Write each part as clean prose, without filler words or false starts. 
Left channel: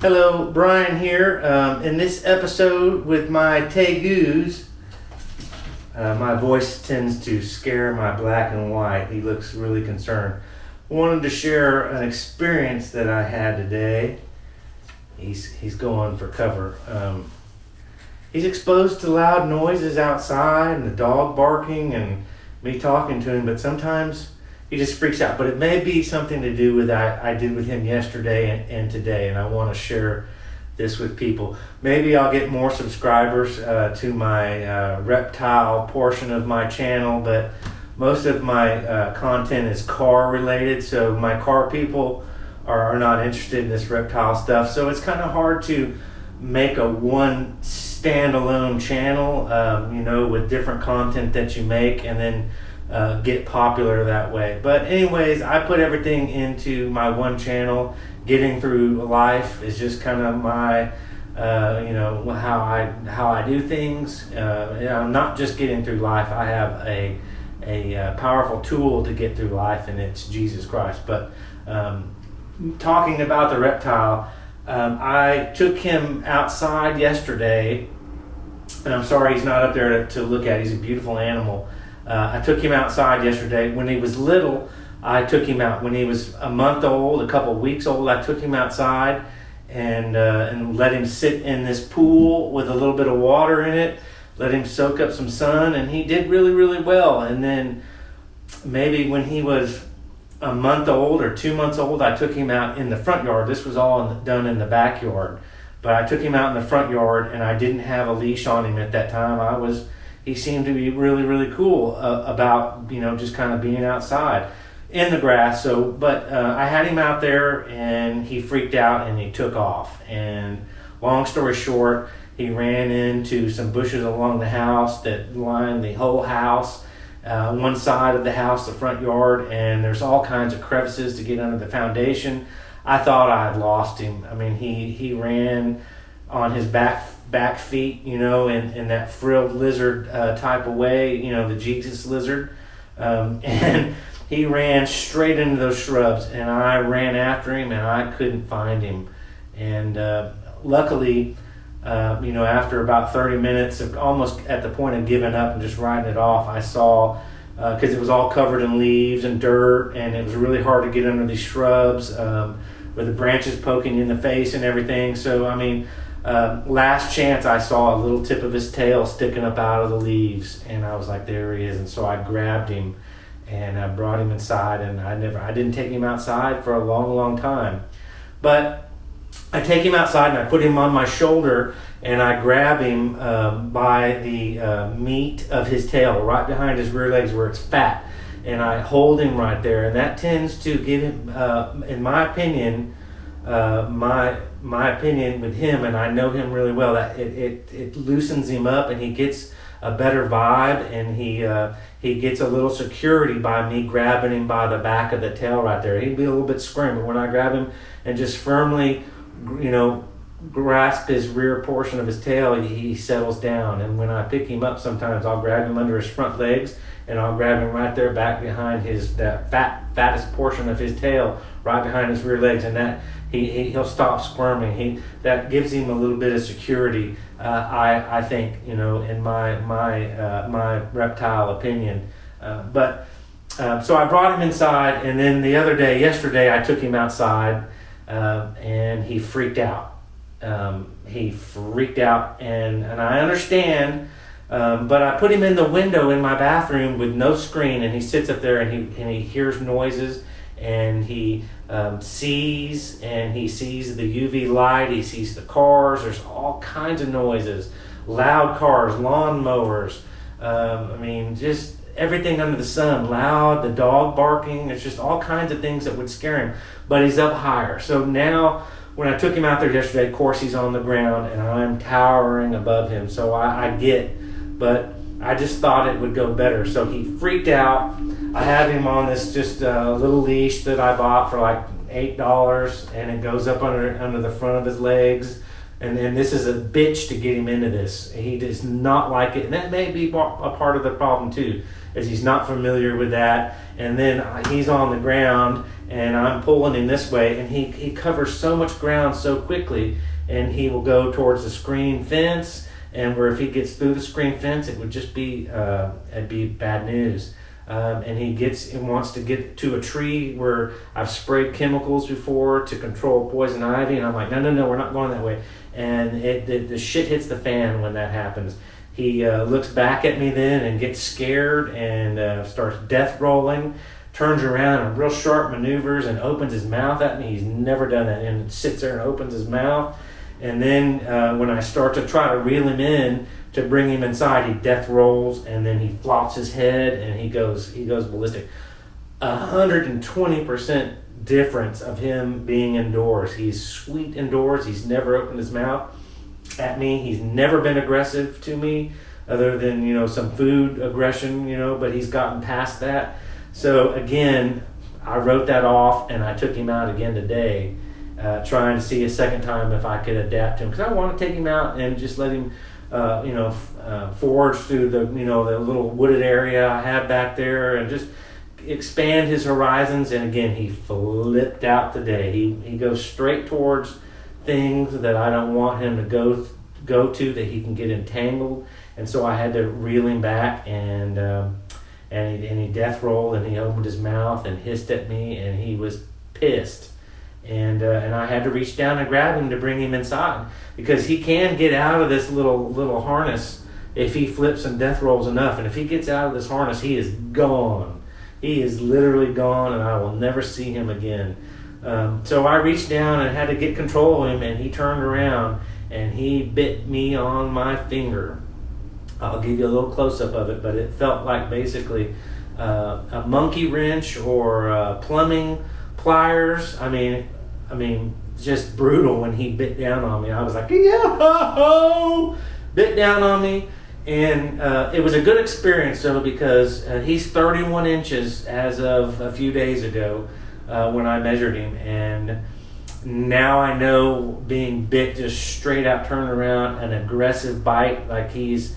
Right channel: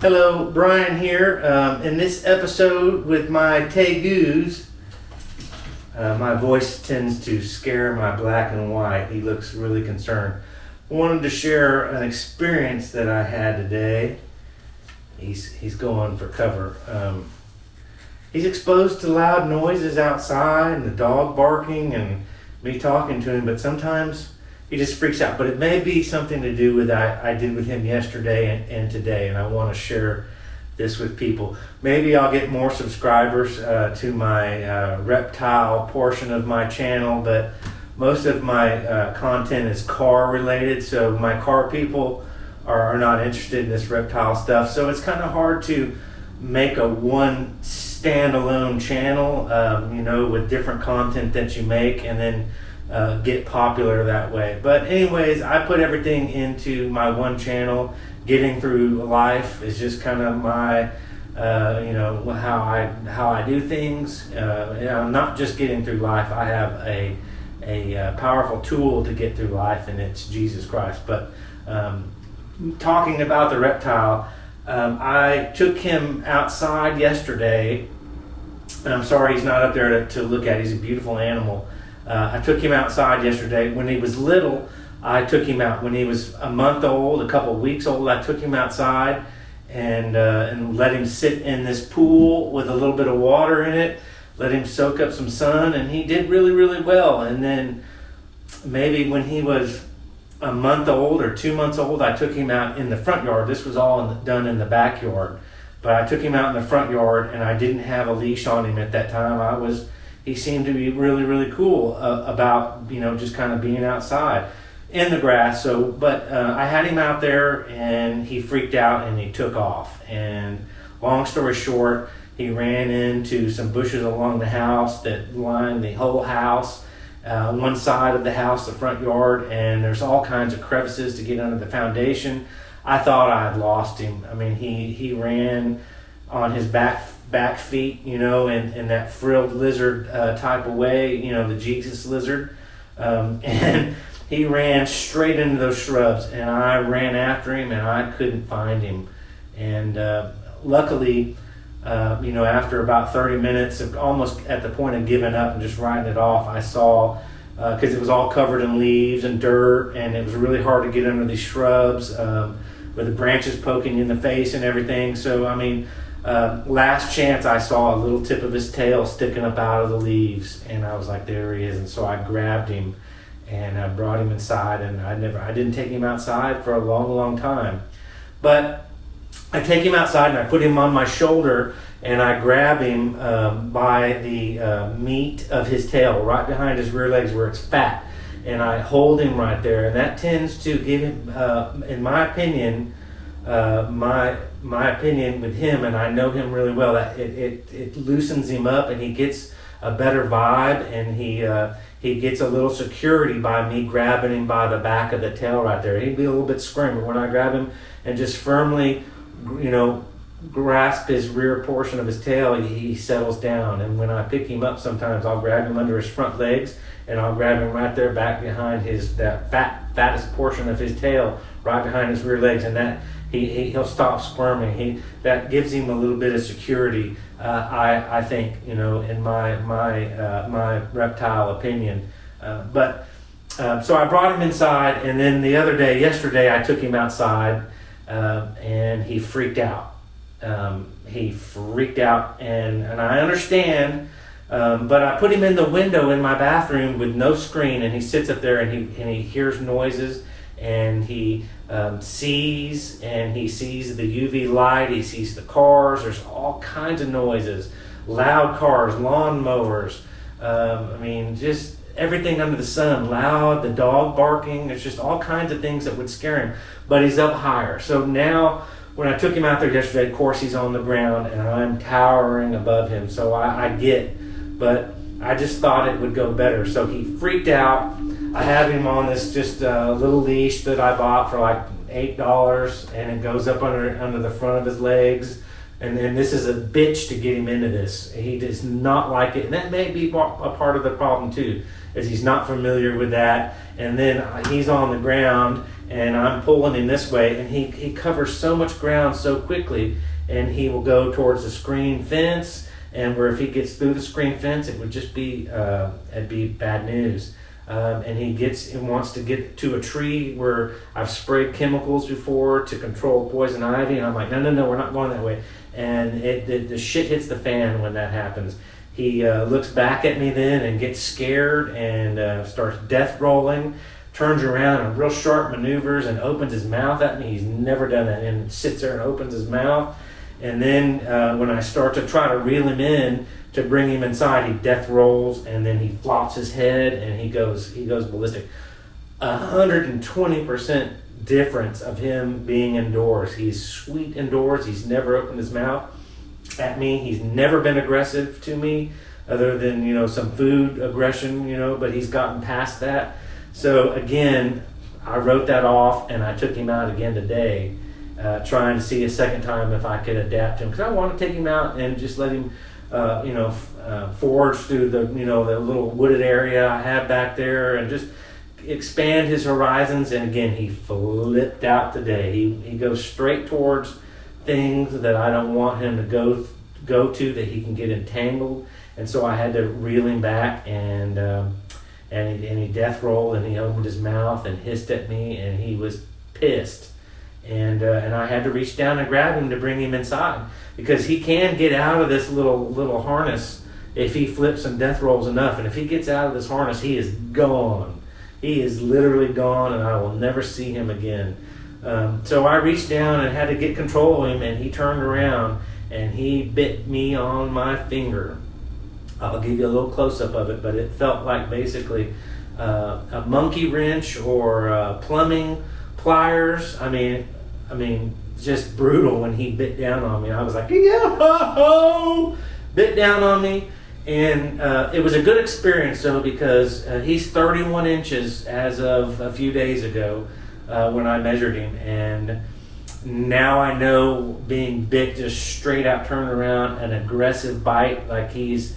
Hello, Brian here. In this episode with my Tegus, my voice tends to scare my black and white. He looks really concerned. I wanted to share an experience that I had today. He's going for cover. He's exposed to loud noises outside and the dog barking and me talking to him, but sometimes he just freaks out. But it may be something to do with that I did with him yesterday and today, and I want to share this with people. Maybe I'll get more subscribers to my reptile portion of my channel, but most of my content is car related, so my car people are not interested in this reptile stuff. So it's kind of hard to make a one standalone channel, with different content that you make and then get popular that way. But anyways, I put everything into my one channel. Getting through life is just kind of my how I do things. Not just getting through life. I have a powerful tool to get through life, and it's Jesus Christ. But talking about the reptile, I took him outside yesterday, and I'm sorry he's not up there to look at. He's a beautiful animal. I took him outside yesterday. When he was little, I took him out. When he was a month old, a couple of weeks old, I took him outside and let him sit in this pool with a little bit of water in it, let him soak up some sun, and he did really, really well. And then maybe when he was a month old or 2 months old, I took him out in the front yard. This was all done in the backyard. But I took him out in the front yard, and I didn't have a leash on him at that time. He seemed to be really, really cool about, just kind of being outside in the grass. But I had him out there, and he freaked out, and he took off. And long story short, he ran into some bushes along the house that lined the whole house. One side of the house, the front yard, and there's all kinds of crevices to get under the foundation. I thought I had lost him. I mean, he ran on his back feet, in that frilled lizard type of way, the Jesus lizard. And he ran straight into those shrubs, and I ran after him, and I couldn't find him. And luckily, after about 30 minutes, almost at the point of giving up and just writing it off, I saw, because it was all covered in leaves and dirt, and it was really hard to get under these shrubs with the branches poking in the face and everything. So, last chance, I saw a little tip of his tail sticking up out of the leaves, and I was like, there he is. And so I grabbed him and I brought him inside, and I didn't take him outside for a long, long time. But I take him outside and I put him on my shoulder, and I grab him by the meat of his tail, right behind his rear legs where it's fat, and I hold him right there. And that tends to give him, in my opinion, my opinion with him, and I know him really well, that it loosens him up, and he gets a better vibe, and he gets a little security by me grabbing him by the back of the tail right there. He'd be a little bit squirmy, but when I grab him and just firmly, grasp his rear portion of his tail, he settles down. And when I pick him up, sometimes I'll grab him under his front legs, and I'll grab him right there back behind that fattest portion of his tail, right behind his rear legs, and that he'll stop squirming. That gives him a little bit of security. I think, in my reptile opinion. So I brought him inside, and then yesterday, I took him outside, and he freaked out. And I understand, but I put him in the window in my bathroom with no screen, and he sits up there, and he hears noises, and he sees the UV light, he sees the cars, there's all kinds of noises, loud cars, lawn mowers, just everything under the sun, loud, the dog barking, there's just all kinds of things that would scare him, but he's up higher. So now, when I took him out there yesterday, of course he's on the ground, and I'm towering above him, so but I just thought it would go better. So he freaked out. I have him on this just little leash that I bought for like $8, and it goes up under the front of his legs, And this is a bitch to get him into this. He does not like it, and that may be a part of the problem too, is he's not familiar with that. And then he's on the ground, and I'm pulling him this way, and he covers so much ground so quickly, and he will go towards the screen fence, and where if he gets through the screen fence, it would just be it'd be bad news. And he wants to get to a tree where I've sprayed chemicals before to control poison ivy, and I'm like, no, we're not going that way. And the shit hits the fan when that happens. He looks back at me then and gets scared and starts death rolling, turns around and real sharp maneuvers and opens his mouth at me. He's never done that, and sits there and opens his mouth. And then when I start to try to reel him in to bring him inside, he death rolls, and then he flops his head and he goes ballistic. 120% difference of him being indoors. He's sweet indoors. He's never opened his mouth at me. He's never been aggressive to me, other than some food aggression, but he's gotten past that. So again, I wrote that off, and I took him out again today, trying to see a second time if I could adapt to him, because I want to take him out and just let him forge through the the little wooded area I have back there and just expand his horizons. And again, he flipped out today. He goes straight towards things that I don't want him to go to, that he can get entangled. And so I had to reel him back, and he death rolled, and he opened his mouth and hissed at me, and he was pissed. And I had to reach down and grab him to bring him inside, because he can get out of this little harness if he flips and death rolls enough. And if he gets out of this harness, he is gone. He is literally gone, and I will never see him again. So I reached down and had to get control of him, and he turned around and he bit me on my finger. I'll give you a little close-up of it, but it felt like basically a monkey wrench or plumbing pliers. I mean, just brutal when he bit down on me. I was like, yo, bit down on me. And it was a good experience, though, because he's 31 inches as of a few days ago when I measured him. And now I know being bit, just straight out turned around, an aggressive bite, like he's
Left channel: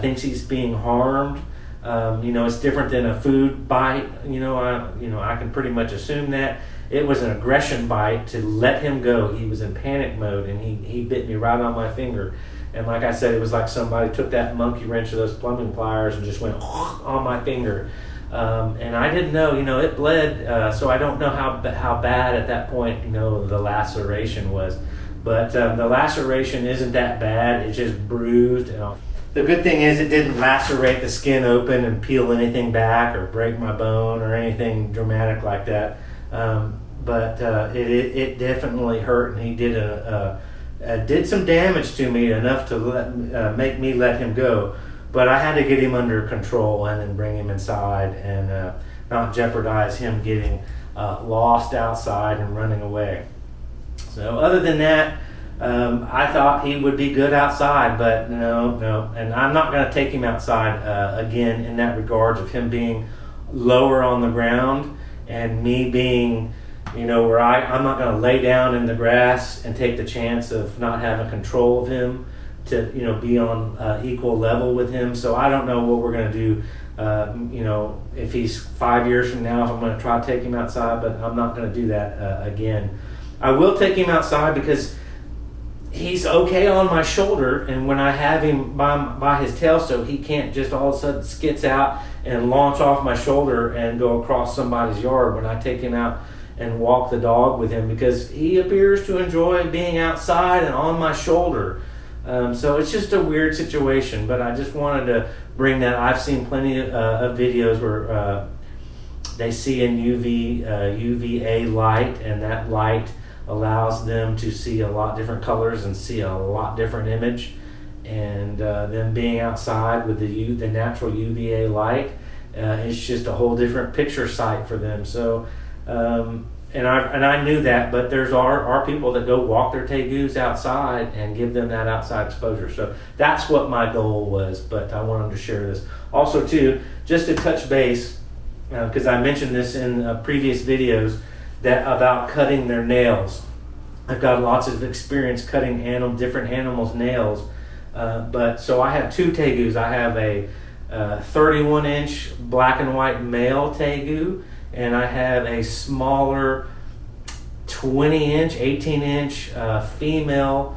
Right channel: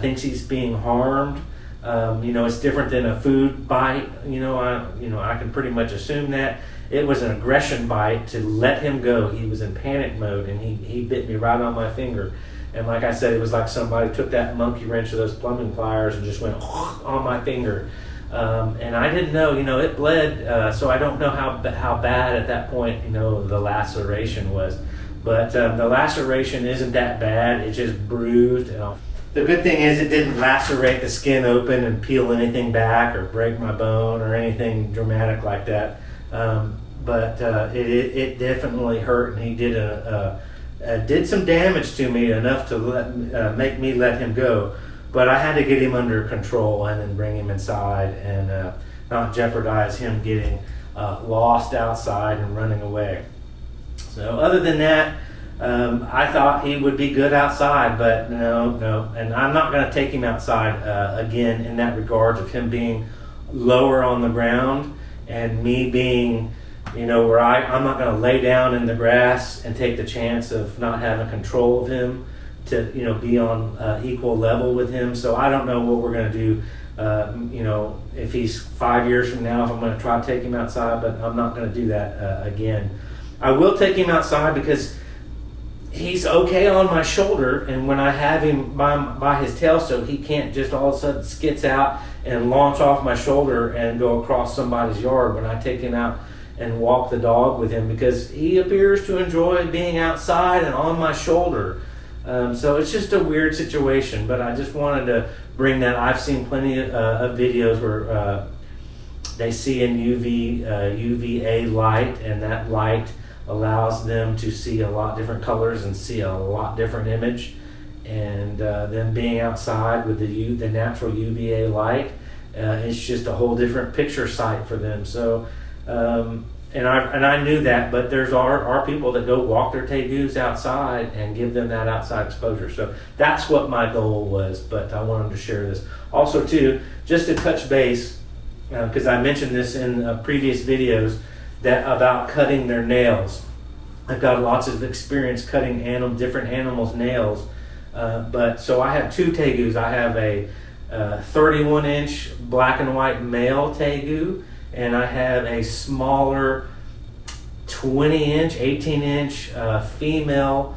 thinks he's being harmed. It's different than a food bite. I can pretty much assume that. It was an aggression bite to let him go. He was in panic mode, and he bit me right on my finger. And like I said, it was like somebody took that monkey wrench or those plumbing pliers and just went on my finger. And I didn't know, it bled. So I don't know how bad at that point, the laceration was. But the laceration isn't that bad. It's just bruised. The good thing is it didn't lacerate the skin open and peel anything back or break my bone or anything dramatic like that. But it definitely hurt, and he did some damage to me, enough to make me let him go. But I had to get him under control and then bring him inside and not jeopardize him getting lost outside and running away. So other than that, I thought he would be good outside, but no. And I'm not going to take him outside again in that regards of him being lower on the ground and me being, where I'm not going to lay down in the grass and take the chance of not having control of him to, be on equal level with him. So I don't know what we're going to do, if he's 5 years from now, if I'm going to try to take him outside, but I'm not going to do that again. I will take him outside because he's okay on my shoulder, and when I have him by his tail, so he can't just all of a sudden skits out and launch off my shoulder and go across somebody's yard when I take him out and walk the dog with him, because he appears to enjoy being outside and on my shoulder. So it's just a weird situation, but I just wanted to bring that. I've seen plenty of videos where they see in UVA light, and that light allows them to see a lot different colors and see a lot different image. And them being outside with the natural UVA light, it's just a whole different picture sight for them. So and I knew that, but there's are people that go walk their tegus outside and give them that outside exposure. So that's what my goal was, but I wanted to share this. Also too, just to touch base, because I mentioned this in previous videos, that about cutting their nails. I've got lots of experience cutting different animals' nails. But so I have two Tegus. I have a 31-inch black and white male Tegu, and I have a smaller 20-inch, 18-inch female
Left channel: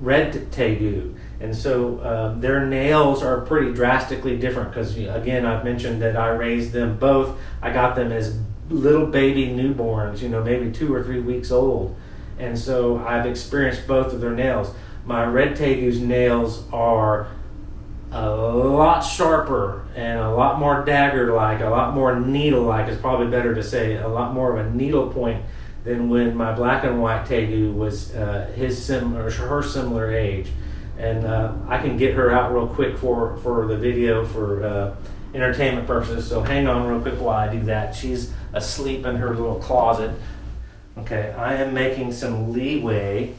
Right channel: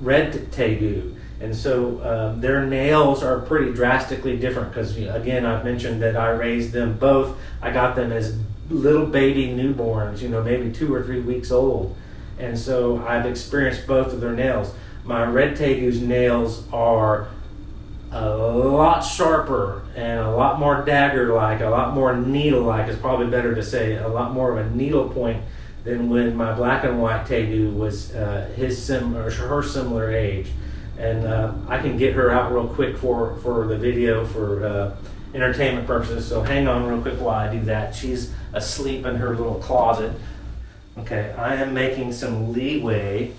red Tegu. And so their nails are pretty drastically different because, again, I've mentioned that I raised them both. I got them as little baby newborns, maybe 2 or 3 weeks old. And so I've experienced both of their nails. My red Tegu's nails are a lot sharper and a lot more dagger-like, a lot more needle-like is probably better to say, a lot more of a needle point than when my black and white Tegu was her similar age. And I can get her out real quick for the video for entertainment purposes. So hang on real quick while I do that. She's asleep in her little closet. Okay, I am making some leeway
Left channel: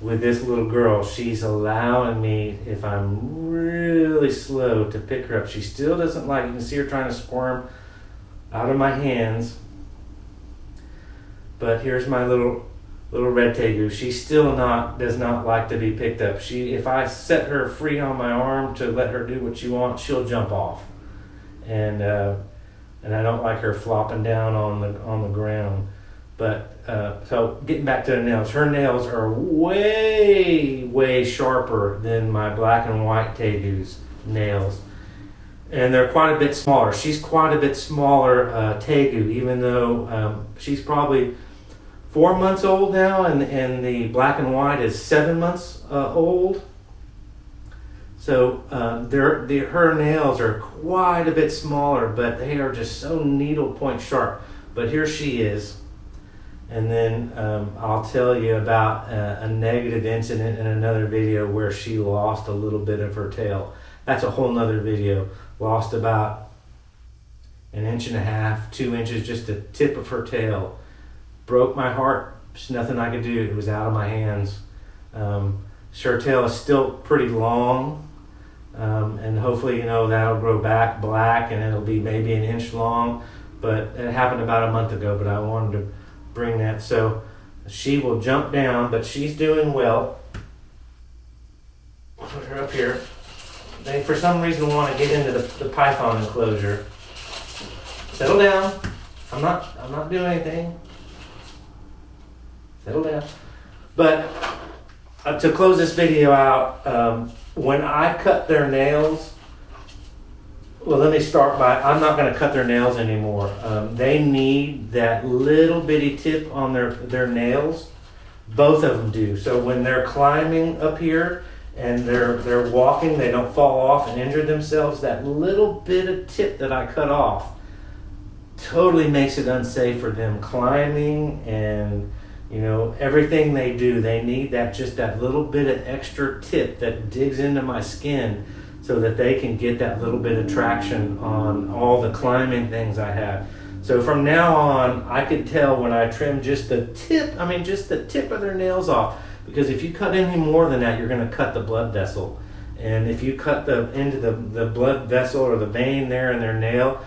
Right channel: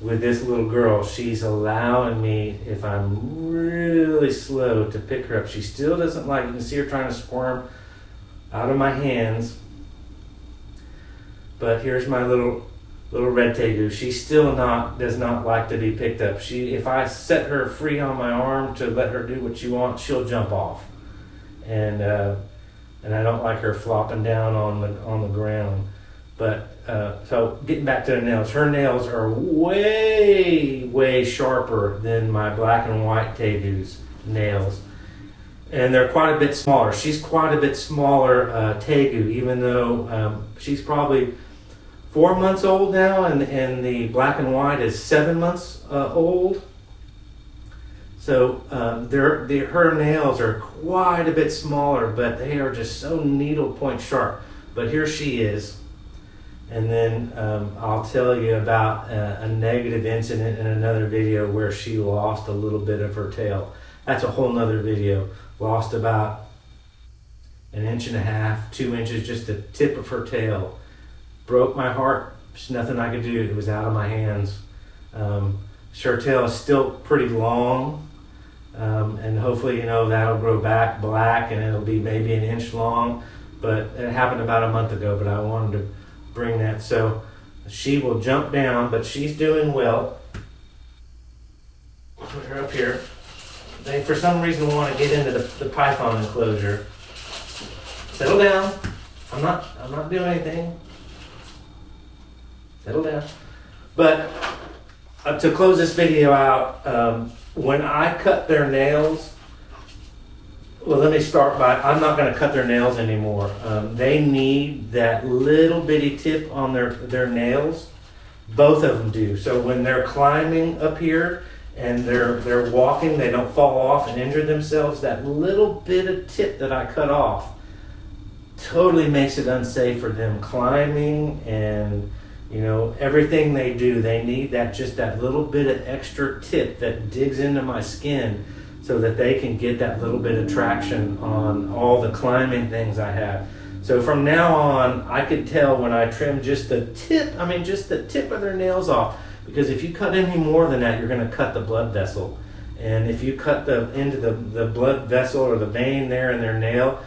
with this little girl. She's allowing me, if I'm really slow, to pick her up. She still doesn't like it. You can see her trying to squirm out of my hands. But here's my little red Tegu. She still does not like to be picked up. If I set her free on my arm to let her do what she wants, she'll jump off. And I don't like her flopping down on the ground. But so getting back to the nails, her nails are way, way sharper than my black and white Tegu's nails. And they're quite a bit smaller. She's quite a bit smaller Tegu, even though she's probably 4 months old now, and the black and white is 7 months old. So her nails are quite a bit smaller, but they are just so needle point sharp. But here she is. And then I'll tell you about a negative incident in another video where she lost a little bit of her tail. That's a whole nother video. Lost about 1.5 inches, 2 inches, just the tip of her tail. Broke my heart. There's nothing I could do. It was out of my hands. Her tail is still pretty long. And hopefully, that'll grow back black and it'll be maybe 1 inch long. But it happened about a month ago, but I wanted to bring that. So she will jump down, but she's doing well. Put her up here. They, for some reason, want to get into the python enclosure. Settle down. I'm not doing anything. Settle down. But to close this video out, when I cut their nails, well, let me start by, I'm not going to cut their nails anymore. They need that little bitty tip on their nails. Both of them do. So when they're climbing up here and they're walking, they don't fall off and injure themselves. That little bit of tip that I cut off totally makes it unsafe for them climbing, and everything they do, they need just that little bit of extra tip that digs into my skin so that they can get that little bit of traction on all the climbing things I have. So from now on, I could tell when I trim just the tip of their nails off, because if you cut any more than that, you're going to cut the blood vessel. And if you cut into the blood vessel or the vein there in their nail,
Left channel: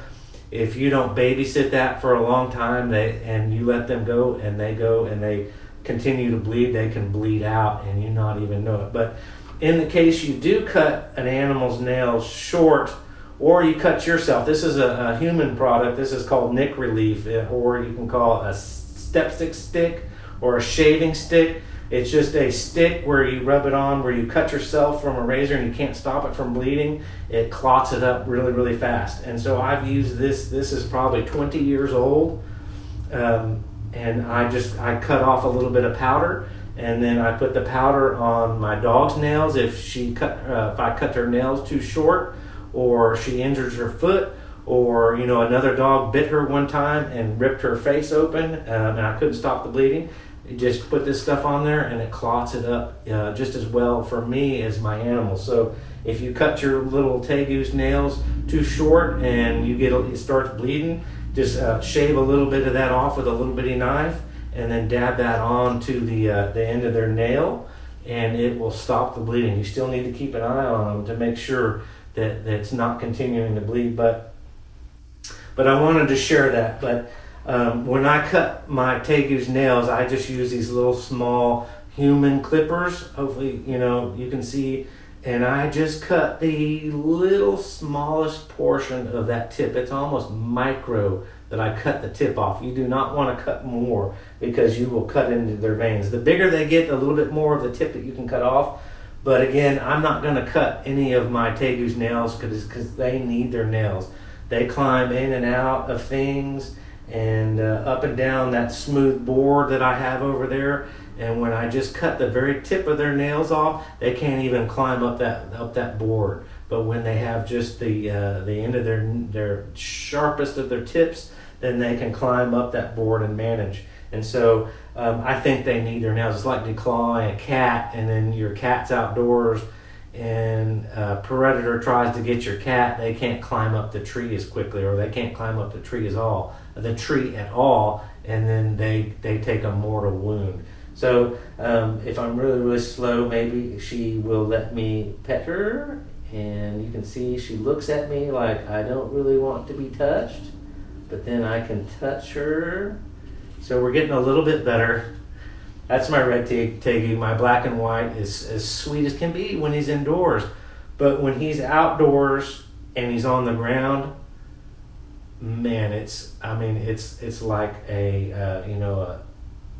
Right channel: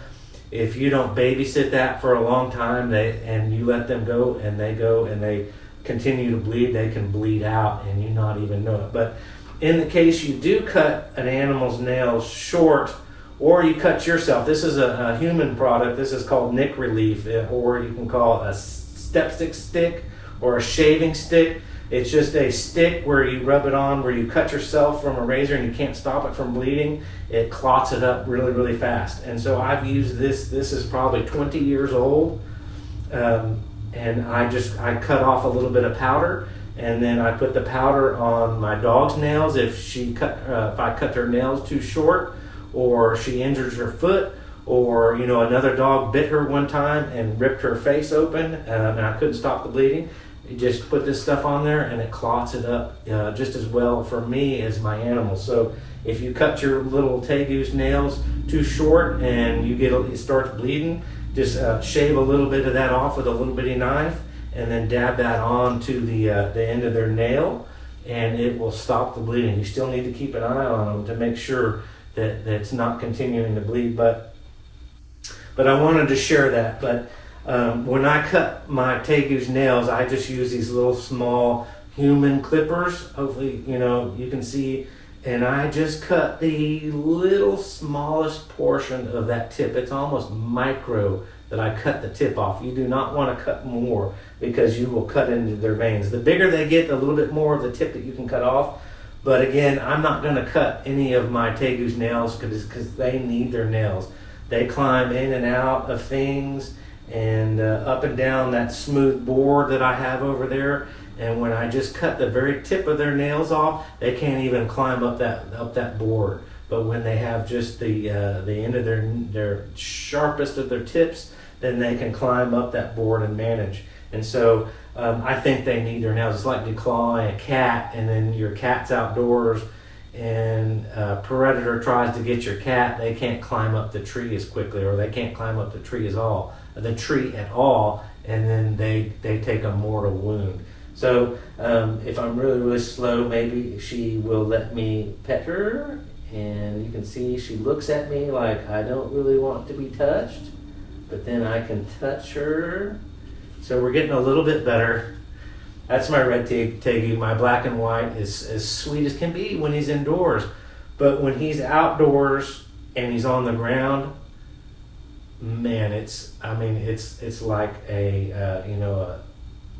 if you don't babysit that for a long time, and you let them go and they continue to bleed, they can bleed out and you not even know it. But in the case you do cut an animal's nails short, or you cut yourself, this is a human product. This is called Nick Relief, or you can call it a stick or a shaving stick. It's just a stick where you rub it on, where you cut yourself from a razor and you can't stop it from bleeding. It clots it up really, really fast. And so I've used this. This is probably 20 years old. And I cut off a little bit of powder, and then I put the powder on my dog's nails if I cut her nails too short, or she injures her foot, or another dog bit her one time and ripped her face open, and I couldn't stop the bleeding. You just put this stuff on there and it clots it up just as well for me as my animals. So if you cut your little Tegu's nails too short and it starts bleeding, just shave a little bit of that off with a little bitty knife, and then dab that on to the end of their nail, and it will stop the bleeding. You still need to keep an eye on them to make sure that it's not continuing to bleed. But I wanted to share that. But When I cut my Tegu's nails, I just use these little small human clippers. Hopefully, you can see. And I just cut the little smallest portion of that tip. It's almost micro that I cut the tip off. You do not want to cut more because you will cut into their veins. The bigger they get, the little bit more of the tip that you can cut off. But again, I'm not going to cut any of my Tegu's nails because they need their nails. They climb in and out of things and up and down that smooth board that I have over there. And when I just cut the very tip of their nails off, they can't even climb up that board. But when they have just the end of their sharpest of their tips, then they can climb up that board and manage. And so I think they need their nails. It's like declawing a cat, and then your cat's outdoors, and a predator tries to get your cat. They can't climb up the tree as quickly, or they can't climb up the tree at all, and then they take a mortal wound. So if I'm really, really slow, maybe she will let me pet her, and you can see she looks at me like I don't really want to be touched, but then I can touch her. So we're getting a little bit better. That's my red Tegu. My black and white is as sweet as can be when he's indoors, but when he's outdoors and he's on the ground, man, it's like a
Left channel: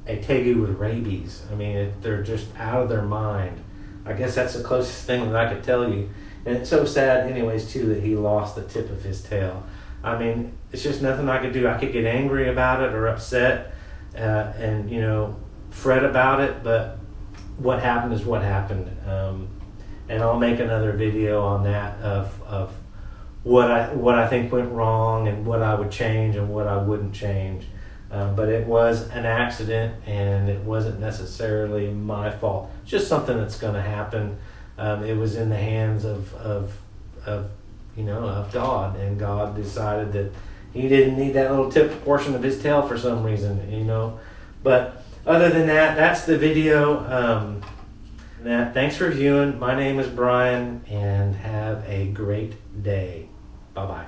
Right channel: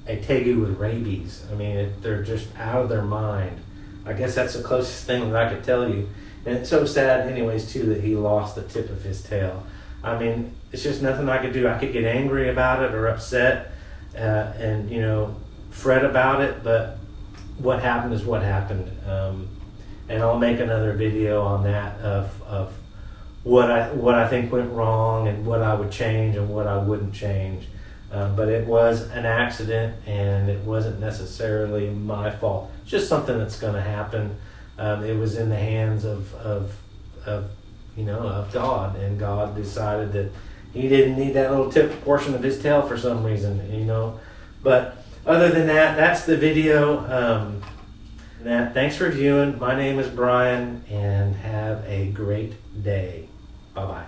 Tegu with rabies. I mean, they're just out of their mind. I guess that's the closest thing that I could tell you. And it's so sad anyways, too, that he lost the tip of his tail. I mean, it's just nothing I could do. I could get angry about it or upset and fret about it, but what happened is what happened. And I'll make another video on that of what I think went wrong and what I would change and what I wouldn't change. But it was an accident, and it wasn't necessarily my fault. It's just something that's going to happen. It was in the hands of God, and God decided that He didn't need that little tip portion of His tail for some reason, But other than that, that's the video. Thanks for viewing. My name is Brian, and have a great day. Bye-bye.